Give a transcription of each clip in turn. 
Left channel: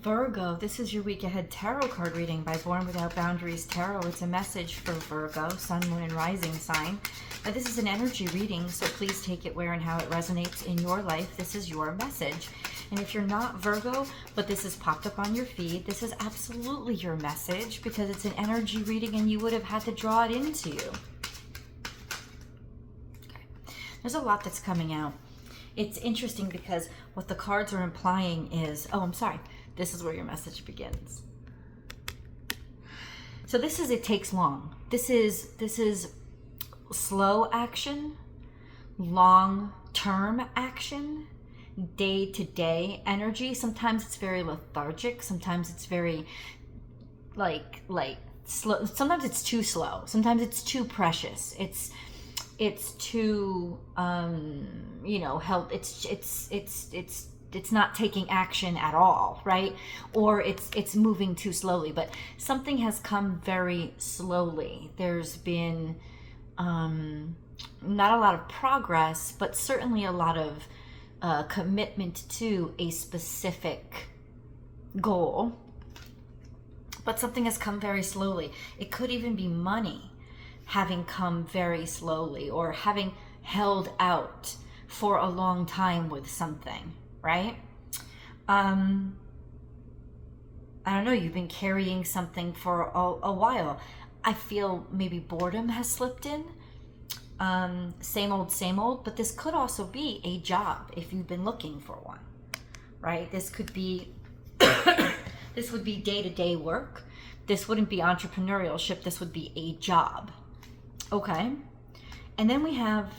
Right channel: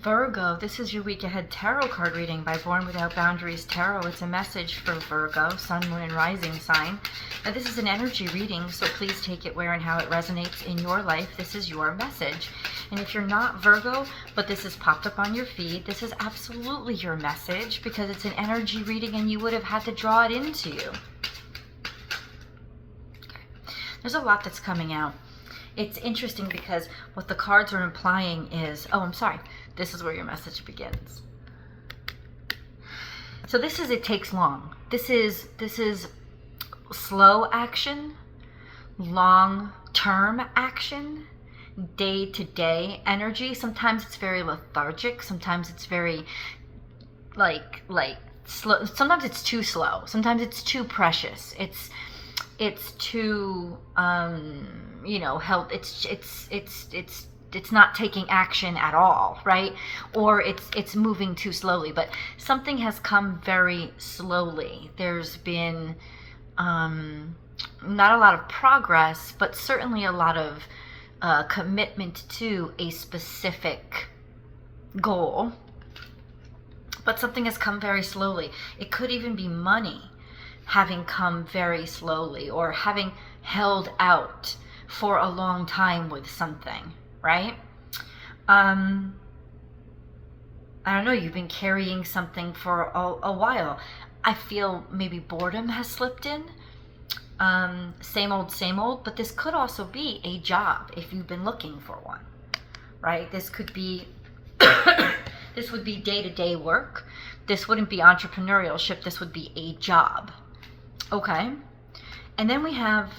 Virgo, this is your week ahead tarot card reading by Born Without Boundaries Tarot. It's a message for Virgo, sun, moon, and rising sign. Now, this is an energy reading, so please take it where and how it resonates in your life. This is your message. And if you're not Virgo, but this has popped up on your feed, this is absolutely your message because it's an energy reading and you would have had to draw it into you. There's a lot that's coming out. It's interesting because what the cards are implying is, this is where your message begins. So this is, it takes long. This is slow action, long-term action, day-to-day energy. Sometimes it's very lethargic. Sometimes it's very like slow. Sometimes it's too slow. Sometimes it's too precious. It's too it's not taking action at all, right? Or it's moving too slowly, but something has come very slowly. There's been not a lot of progress, but certainly a lot of commitment to a specific goal, but something has come very slowly. It could even be money having come very slowly, or having held out for a long time with something, right? I don't know, you've been carrying something for a while. I feel maybe boredom has slipped in. Same old, but this could also be a job if you've been looking for one, right? This could be, this would be day-to-day work. This wouldn't be entrepreneurship. This would be a job. Okay. And then we have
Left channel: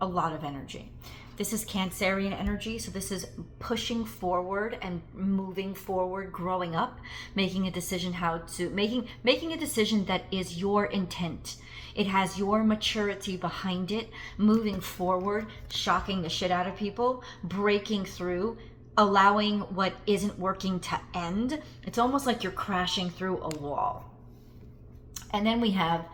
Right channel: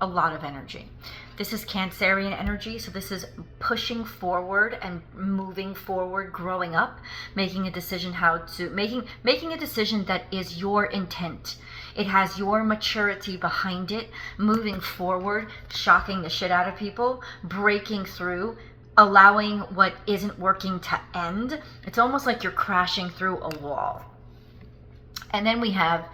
a lot of energy. This is Cancerian energy. So this is pushing forward and moving forward, growing up, making a decision making a decision that is your intent. It has your maturity behind it, moving forward, shocking the shit out of people, breaking through, allowing what isn't working to end. It's almost like you're crashing through a wall. And then we have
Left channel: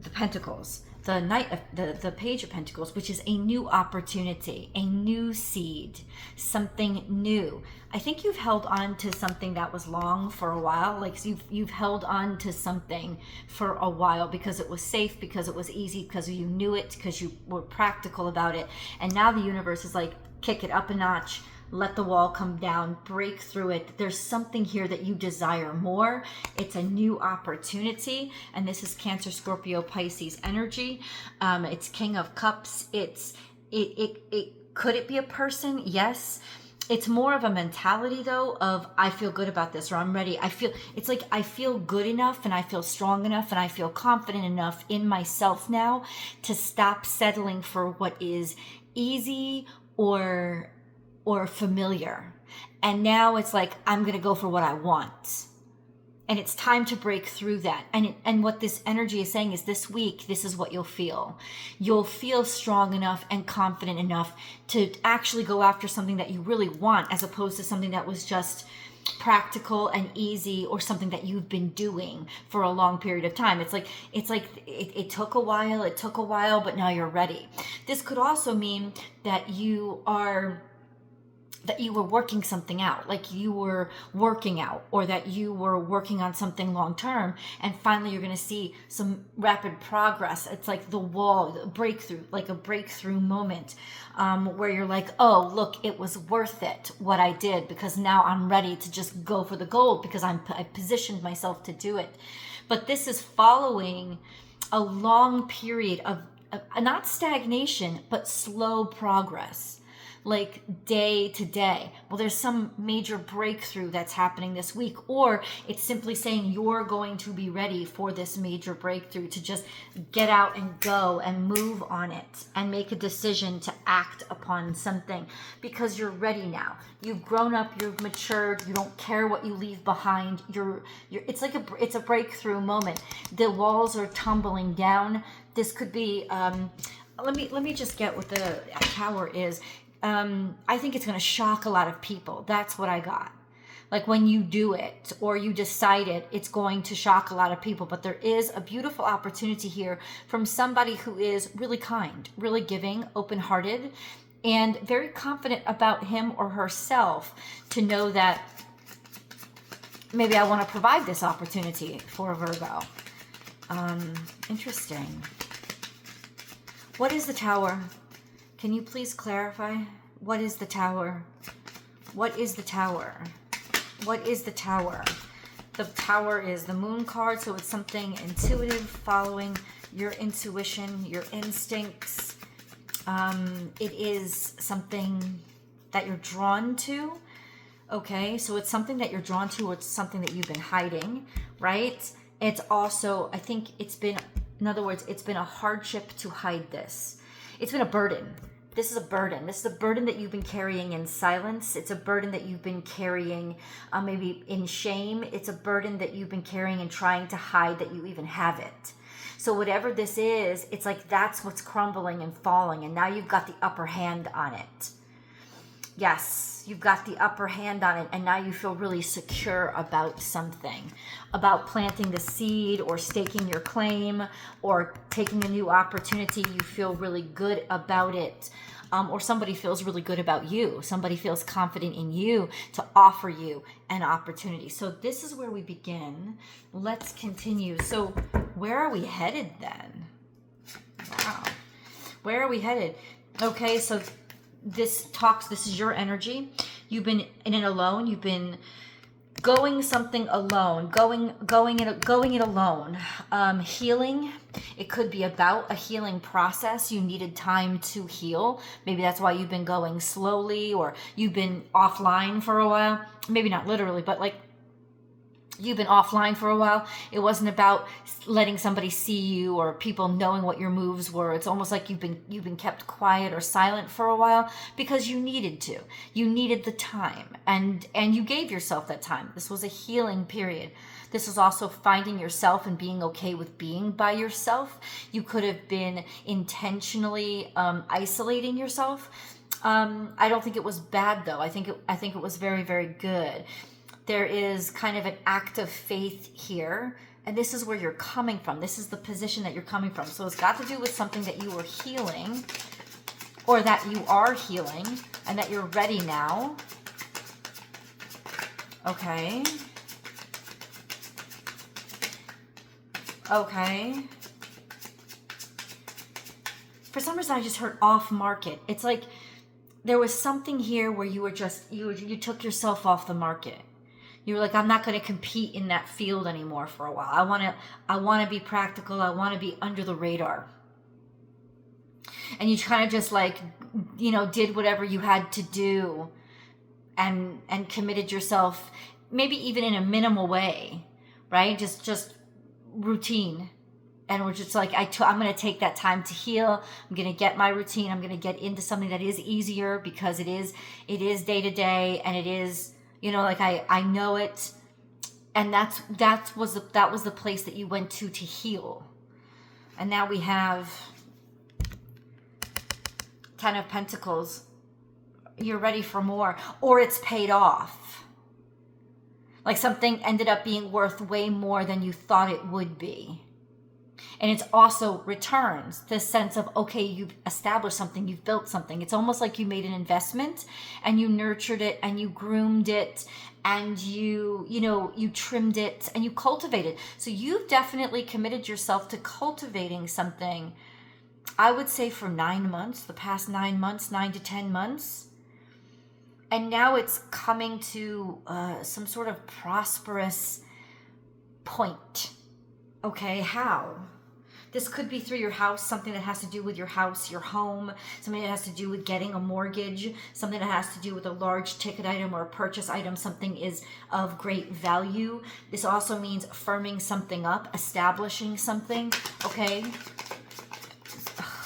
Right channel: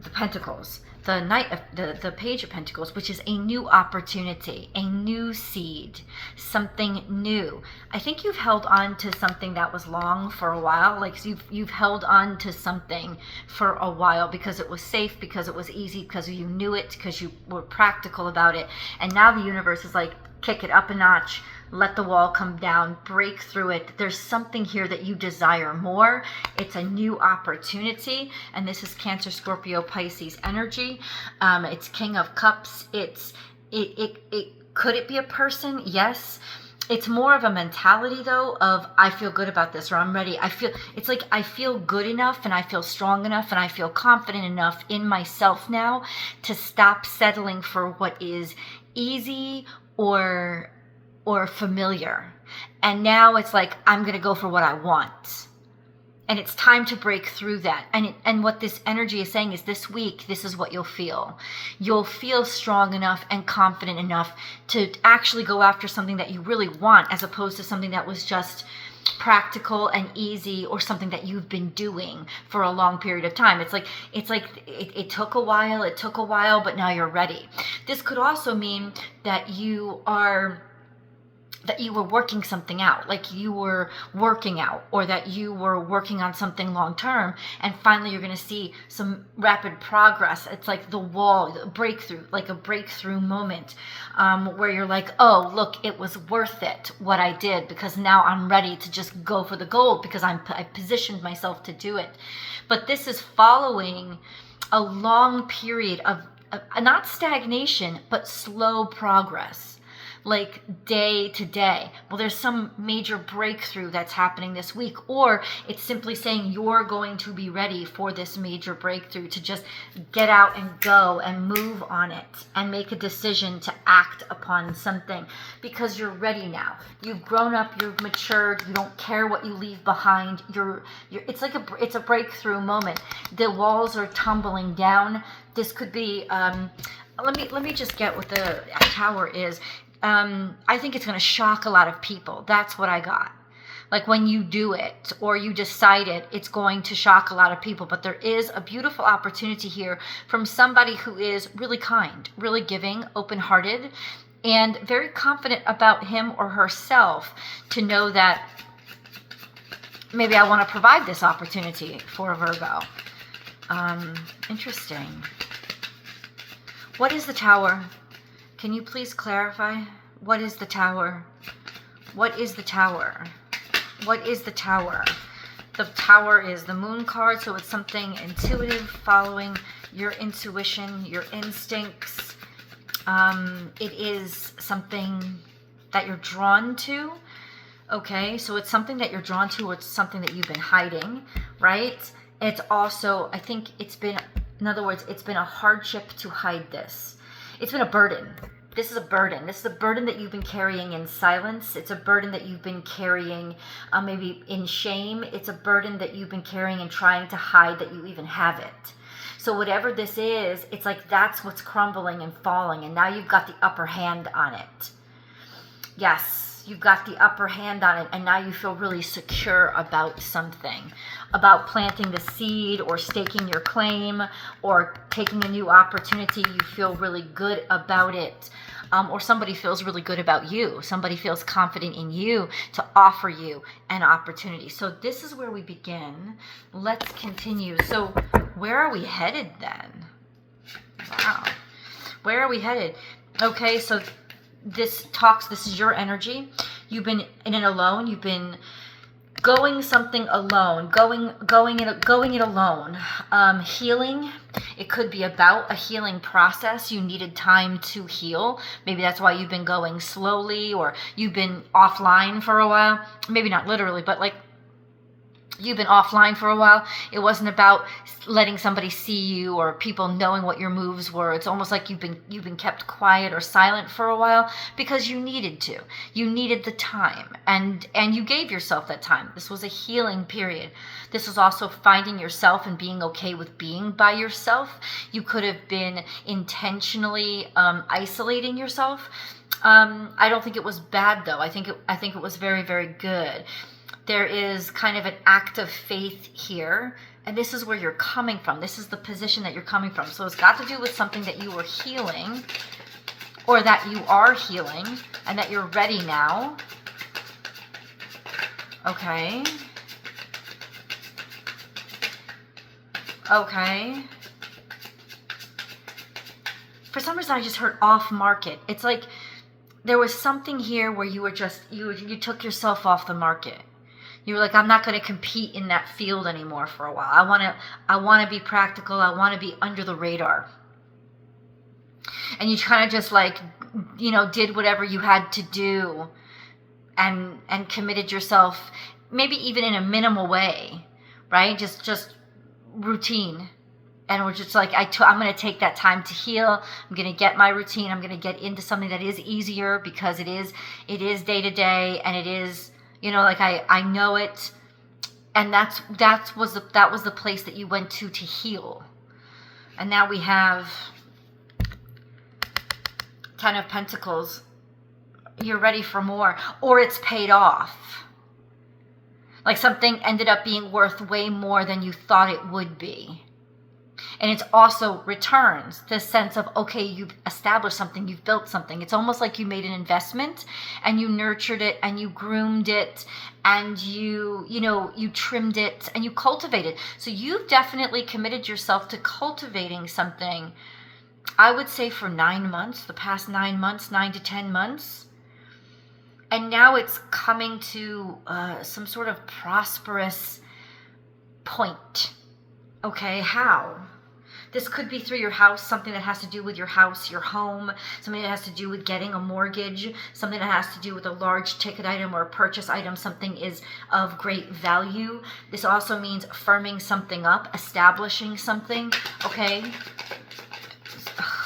the Pentacles, the Page of Pentacles, which is a new opportunity, a new seed, something new. I think you've held on to something that was long for a while. Like you've held on to something for a while because it was safe, because it was easy, because you knew it, because you were practical about it. And now the universe is like, kick it up a notch. Let the wall come down, break through it. There's something here that you desire more. It's a new opportunity. And this is Cancer, Scorpio, Pisces energy. It's King of Cups. Could it be a person? Yes. It's more of a mentality though of, I feel good about this, or I'm ready. It's like I feel good enough and I feel strong enough and I feel confident enough in myself now to stop settling for what is easy or familiar. And now it's like, I'm going to go for what I want. And it's time to break through that. And what this energy is saying is this week, this is what you'll feel. You'll feel strong enough and confident enough to actually go after something that you really want, as opposed to something that was just practical and easy, or something that you've been doing for a long period of time. It took a while, but now you're ready. This could also mean that you were working something out, like you were working out, or that you were working on something long term, and finally you're going to see some rapid progress. It's like the wall, breakthrough, like a breakthrough moment, where you're like, oh, look, it was worth it what I did, because now I'm ready to just go for the gold, because I positioned myself to do it. But this is following a long period of not stagnation, but slow progress. Like day to day. Well, there's some major breakthrough that's happening this week, or it's simply saying you're going to be ready for this major breakthrough, to just get out and go and move on it and make a decision to act upon something, because you're ready now. You've grown up, you've matured, you don't care what you leave behind. It's a breakthrough moment. The walls are tumbling down. This could be let me just get what the Tower is. I think it's going to shock a lot of people. That's what I got. Like when you do it or you decide it, it's going to shock a lot of people. But there is a beautiful opportunity here from somebody who is really kind, really giving, open-hearted, and very confident about him or herself, to know that maybe I want to provide this opportunity for Virgo. Interesting. What is the Tower? Can you please clarify? What is the Tower? What is the Tower? What is the Tower? The Tower is the Moon card, so it's something intuitive, following your intuition, your instincts. It is something that you're drawn to. Okay, so it's something that you're drawn to, or it's something that you've been hiding, right? It's also, I think it's been, in other words, it's been a hardship to hide this. It's been a burden. This is a burden. This is a burden that you've been carrying in silence. It's a burden that you've been carrying maybe in shame. It's a burden that you've been carrying and trying to hide that you even have it. So whatever this is, it's like that's what's crumbling and falling, and now you've got the upper hand on it. Yes, you've got the upper hand on it, and now you feel really secure about something, about planting the seed or staking your claim or taking a new opportunity. You feel really good about it, or somebody feels really good about you. Somebody feels confident in you to offer you an opportunity. So this is where we begin. Let's continue. So where are we headed then? Wow. Where are we headed? Okay, so this is your energy. You've been in it alone. You've been going something alone, going it alone. Healing. It could be about a healing process. You needed time to heal. Maybe that's why you've been going slowly, or you've been offline for a while. Maybe not literally, but like you've been offline for a while. It wasn't about letting somebody see you or people knowing what your moves were. It's almost like you've been kept quiet or silent for a while because you needed to. You needed the time, and you gave yourself that time. This was a healing period. This was also finding yourself and being okay with being by yourself. You could have been intentionally isolating yourself. I don't think it was bad though. I think it was very, very good. There is kind of an act of faith here, and this is where you're coming from. This is the position that you're coming from. So it's got to do with something that you were healing, or that you are healing, and that you're ready now. Okay. Okay. For some reason, I just heard off market. It's like there was something here where you were just, you took yourself off the market. You were like, I'm not going to compete in that field anymore for a while. I want to be practical. I want to be under the radar. And you kind of just like, did whatever you had to do and committed yourself, maybe even in a minimal way, right? Just routine. And we're just like, I'm going to take that time to heal. I'm going to get my routine. I'm going to get into something that is easier because it is day to day, and it is, like I know it. And that was the place that you went to heal. And now we have Ten of Pentacles. You're ready for more, or it's paid off. Like something ended up being worth way more than you thought it would be. And it's also returns, this sense of, okay, you've established something, you've built something. It's almost like you made an investment and you nurtured it and you groomed it and you trimmed it and you cultivated. So you've definitely committed yourself to cultivating something, I would say for 9 months, the past 9 months, 9 to 10 months. And now it's coming to some sort of prosperous point. Okay, how? This could be through your house, something that has to do with your house, your home, something that has to do with getting a mortgage, something that has to do with a large ticket item or a purchase item, something is of great value. This also means firming something up, establishing something, okay?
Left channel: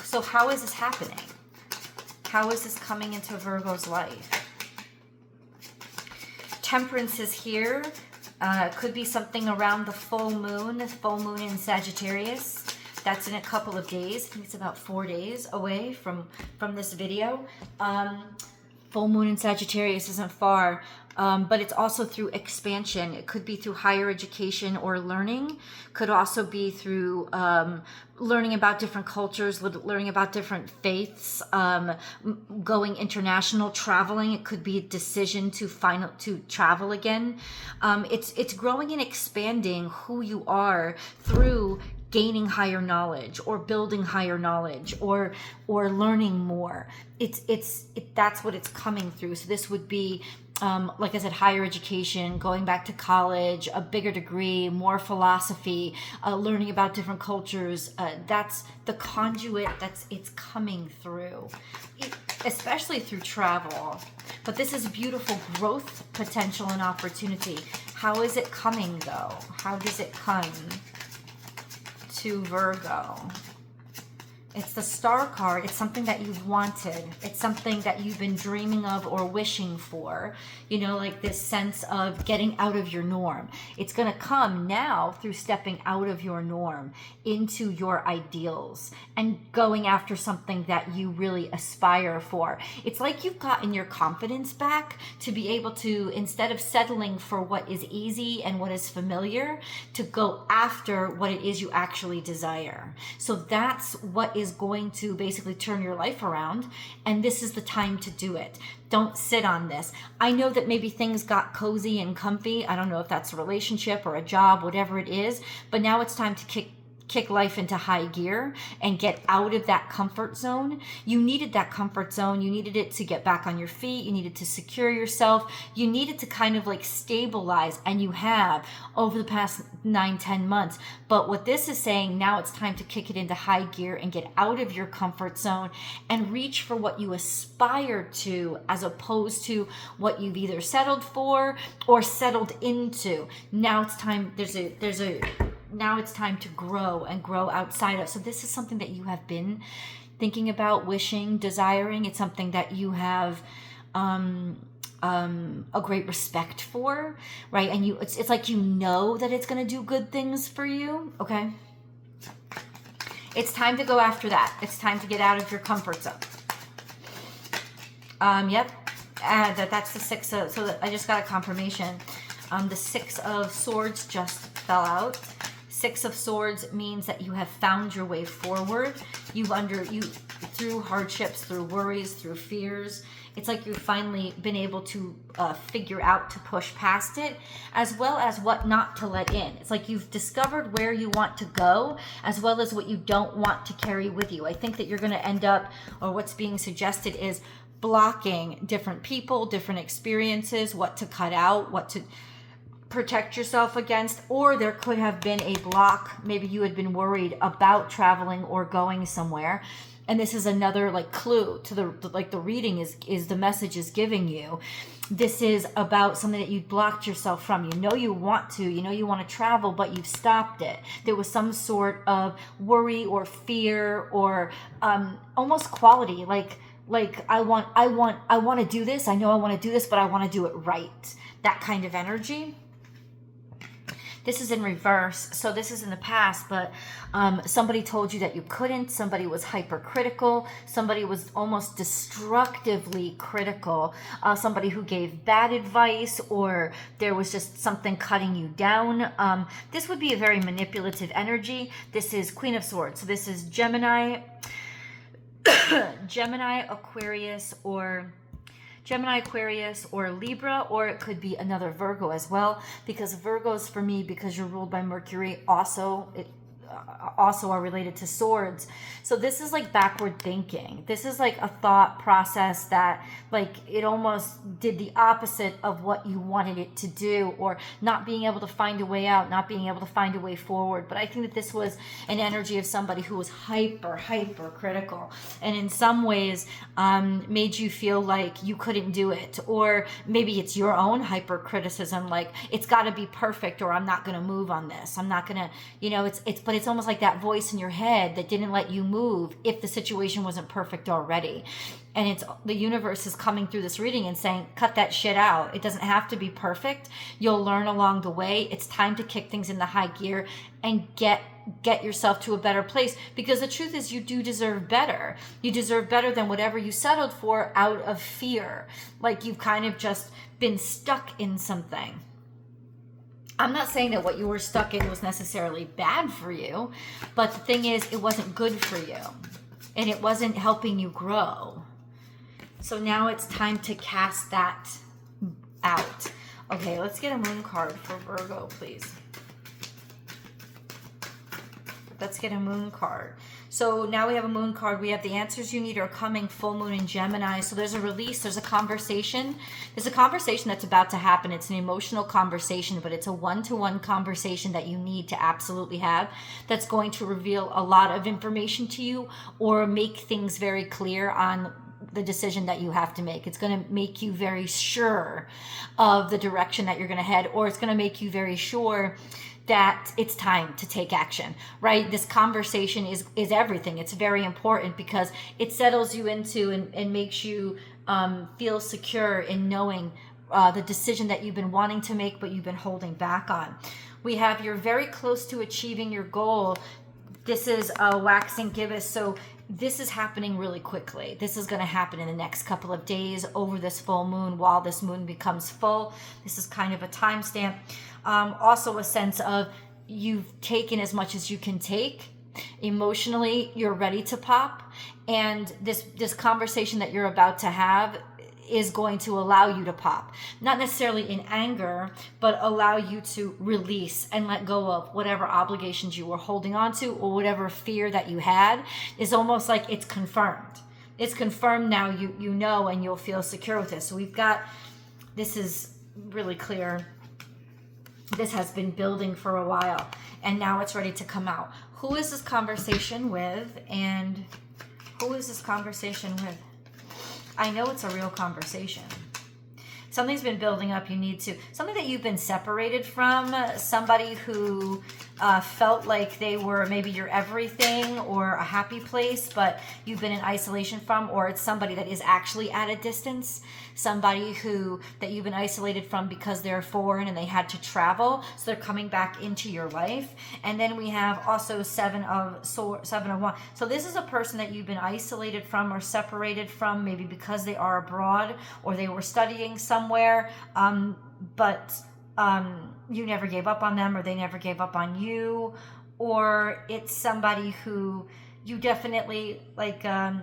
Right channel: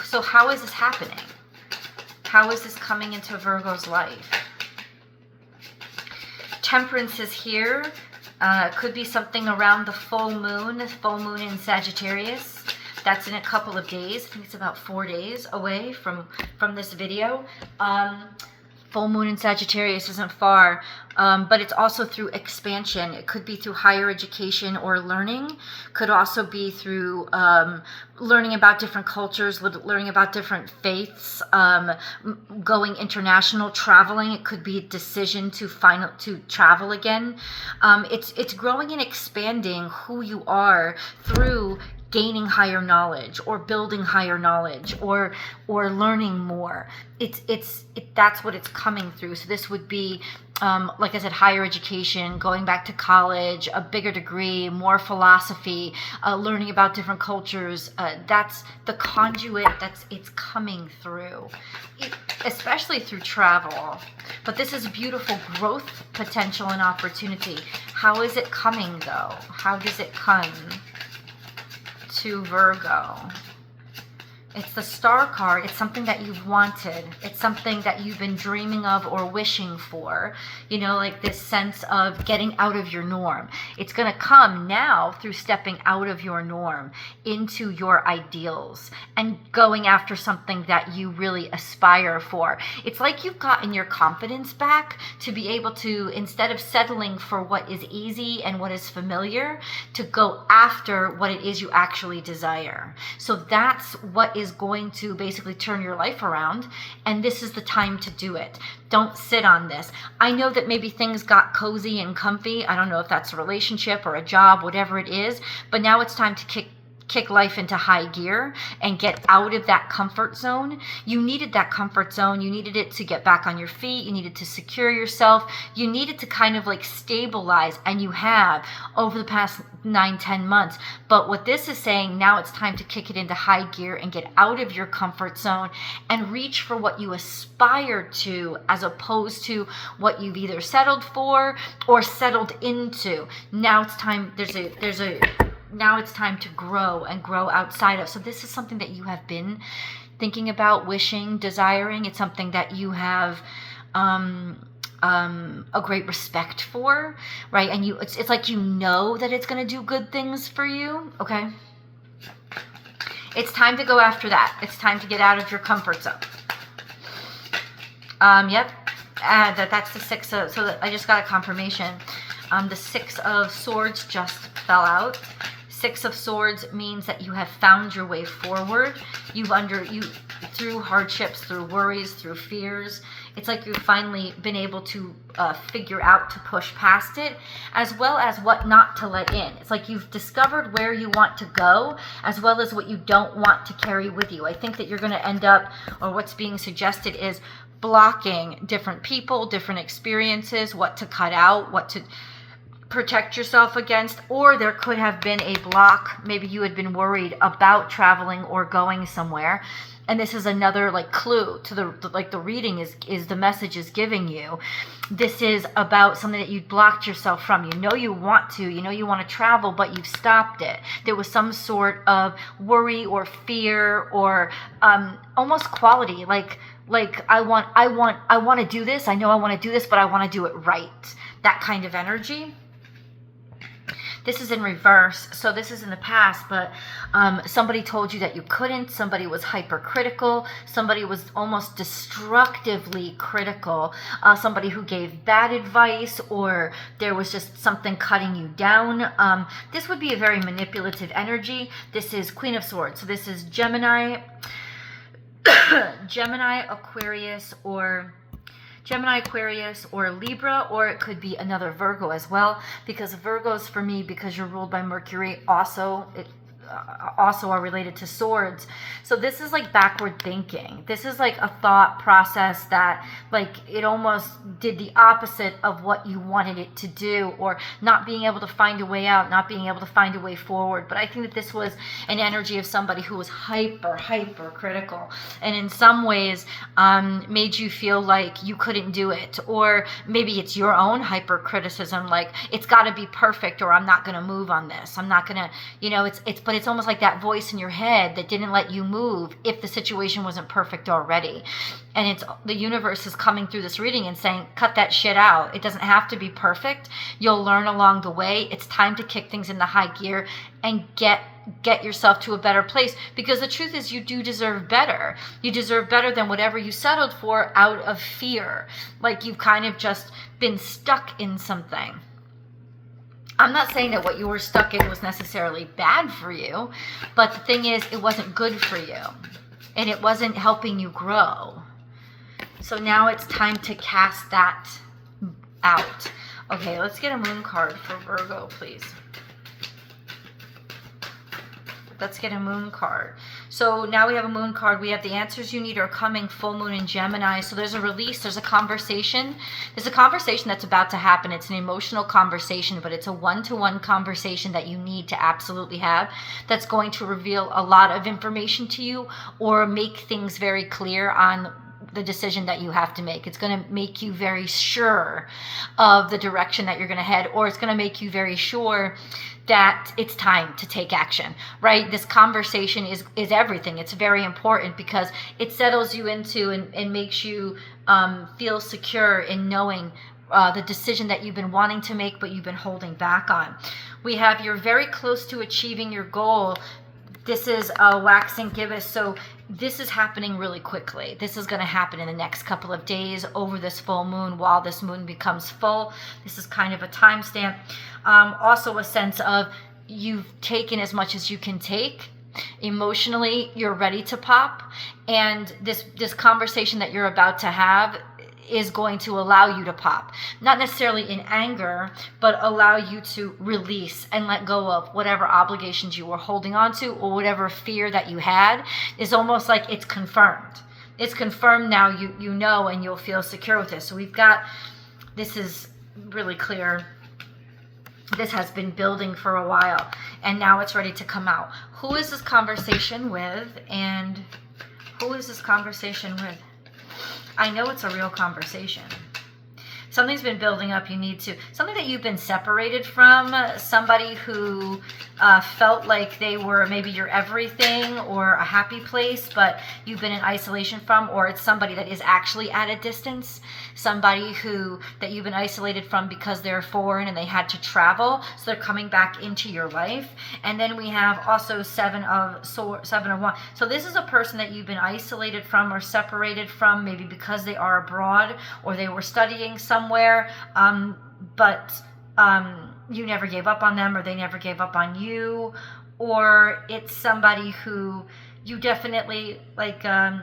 So how is this happening? How is this coming into Virgo's life? Temperance is here. Could be something around the full moon in Sagittarius. That's in a couple of days. I think it's about 4 days away from this video. Full moon in Sagittarius isn't far, but it's also through expansion. It could be through higher education or learning. Could also be through learning about different cultures, learning about different faiths, going international, traveling. It could be a decision to travel again. It's growing and expanding who you are through gaining higher knowledge or building higher knowledge or learning more. That's what it's coming through. So this would be, like I said, higher education, going back to college, a bigger degree, more philosophy, learning about different cultures. That's the conduit it's coming through, especially through travel. But this is beautiful growth potential and opportunity. How is it coming though? How does it come to Virgo? It's the Star card. It's something that you've wanted. It's something that you've been dreaming of or wishing for. You know, like this sense of getting out of your norm. It's going to come now through stepping out of your norm into your ideals and going after something that you really aspire for. It's like you've gotten your confidence back to be able to, instead of settling for what is easy and what is familiar, to go after what it is you actually desire. So that's what is going to basically turn your life around, and this is the time to do it. Don't sit on this. I know that maybe things got cozy and comfy. I don't know if that's a relationship or a job, whatever it is, but now it's time to kick life into high gear and get out of that comfort zone. You needed that comfort zone. You needed it to get back on your feet. You needed to secure yourself. You needed to kind of like stabilize, and you have over the past 9-10 months. But what this is saying, now it's time to kick it into high gear and get out of your comfort zone and reach for what you aspire to, as opposed to what you've either settled for or settled into. Now it's time. Now it's time to grow and grow outside of. So this is something that you have been thinking about, wishing, desiring. It's something that you have a great respect for, right? And it's like you know that it's going to do good things for you, okay? It's time to go after that. It's time to get out of your comfort zone. Yep. That's the six of, so I just got a confirmation. The 6 of Swords just fell out. 6 of Swords means that you have found your way forward. Through hardships, through worries, through fears. It's like you've finally been able to figure out to push past it, as well as what not to let in. It's like you've discovered where you want to go, as well as what you don't want to carry with you. I think that you're going to end up, or what's being suggested is blocking different people, different experiences, what to cut out, what to protect yourself against. Or there could have been a block. Maybe you had been worried about traveling or going somewhere, and this is another like clue to the reading is the message is giving you. This is about something that you blocked yourself from. You know you want to travel, but you've stopped it. There was some sort of worry or fear or almost quality, like I want to do this. I know I want to do this, but I want to do it right. That kind of energy. This is in reverse, so this is in the past, but somebody told you that you couldn't. Somebody was hypercritical. Somebody was almost destructively critical. Somebody who gave bad advice, or there was just something cutting you down. This would be a very manipulative energy. This is Queen of Swords, so this is Gemini, Aquarius, or Libra, or it could be another Virgo as well, because Virgos, for me, because you're ruled by Mercury, also are related to swords. So this is like backward thinking. This is like a thought process that like it almost did the opposite of what you wanted it to do, or not being able to find a way out, not being able to find a way forward. But I think that this was an energy of somebody who was hyper critical, and in some ways made you feel like you couldn't do it. Or maybe it's your own hyper criticism, like it's got to be perfect or I'm not going to move on this. I'm not going to, but it's almost like that voice in your head that didn't let you move if the situation wasn't perfect already. And it's the universe is coming through this reading and saying, cut that shit out. It doesn't have to be perfect. You'll learn along the way. It's time to kick things into high gear and get get yourself to a better place, because the truth is you do deserve better. You deserve better than whatever you settled for out of fear. Like you've kind of just been stuck in something. I'm not saying that what you were stuck in was necessarily bad for you, but the thing is, it wasn't good for you and it wasn't helping you grow. So now it's time to cast that out. Okay, let's get a moon card for Virgo, please. Let's get a moon card. So now we have a moon card. We have the answers you need are coming, full moon in Gemini. So there's a release, there's a conversation. There's a conversation that's about to happen. It's an emotional conversation, but it's a one-to-one conversation that you need to absolutely have, that's going to reveal a lot of information to you or make things very clear on the decision that you have to make. It's going to make you very sure of the direction that you're going to head, or it's going to make you very sure that it's time to take action, right? This conversation is everything. It's very important because it settles you into and makes you feel secure in knowing the decision that you've been wanting to make, but you've been holding back on. We have you're very close to achieving your goal. This is a waxing gibbous, so this is happening really quickly. This is going to happen in the next couple of days over this full moon, while this moon becomes full. This is kind of a timestamp. Also a sense of you've taken as much as you can take. Emotionally, you're ready to pop. And this conversation that you're about to have is going to allow you to pop. Not necessarily in anger, but allow you to release and let go of whatever obligations you were holding on to or whatever fear that you had. Is almost like it's confirmed. It's confirmed now, you know, and you'll feel secure with this. So we've got, this is really clear. This has been building for a while and now it's ready to come out. Who is this conversation with, and who is this conversation with? I know it's a real conversation. Something's been building up. You need to, something that you've been separated from, somebody who felt like they were maybe your everything or a happy place, but you've been in isolation from, or it's somebody that is actually at a distance, somebody that you've been isolated from because they're foreign and they had to travel, so they're coming back into your life. And then we have also seven of one. So this is a person that you've been isolated from or separated from, maybe because they are abroad or they were studying somewhere, but you never gave up on them, or they never gave up on you, or it's somebody who you definitely like, I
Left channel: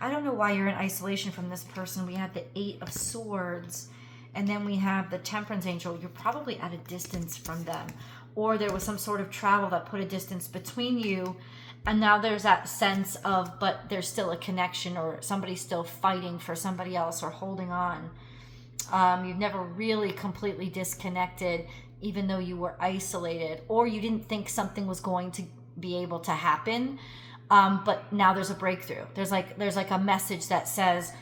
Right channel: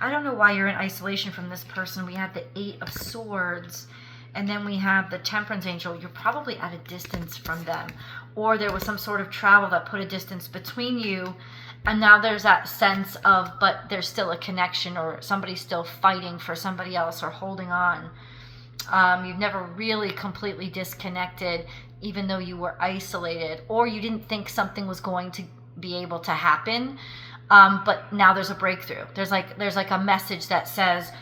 don't know why you're in isolation from this person. We have the 8 of Swords, and then we have the Temperance Angel. You're probably at a distance from them, or there was some sort of travel that put a distance between you, and now there's that sense of, but there's still a connection, or somebody's still fighting for somebody else or holding on. You've never really completely disconnected, even though you were isolated, or you didn't think something was going to be able to happen. But now there's a breakthrough. There's like a message that says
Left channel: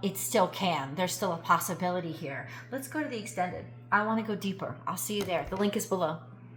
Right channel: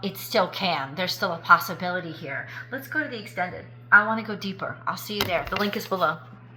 it still can. There's still a possibility here. Let's go to the extended. I want to go deeper. I'll see you there. The link is below.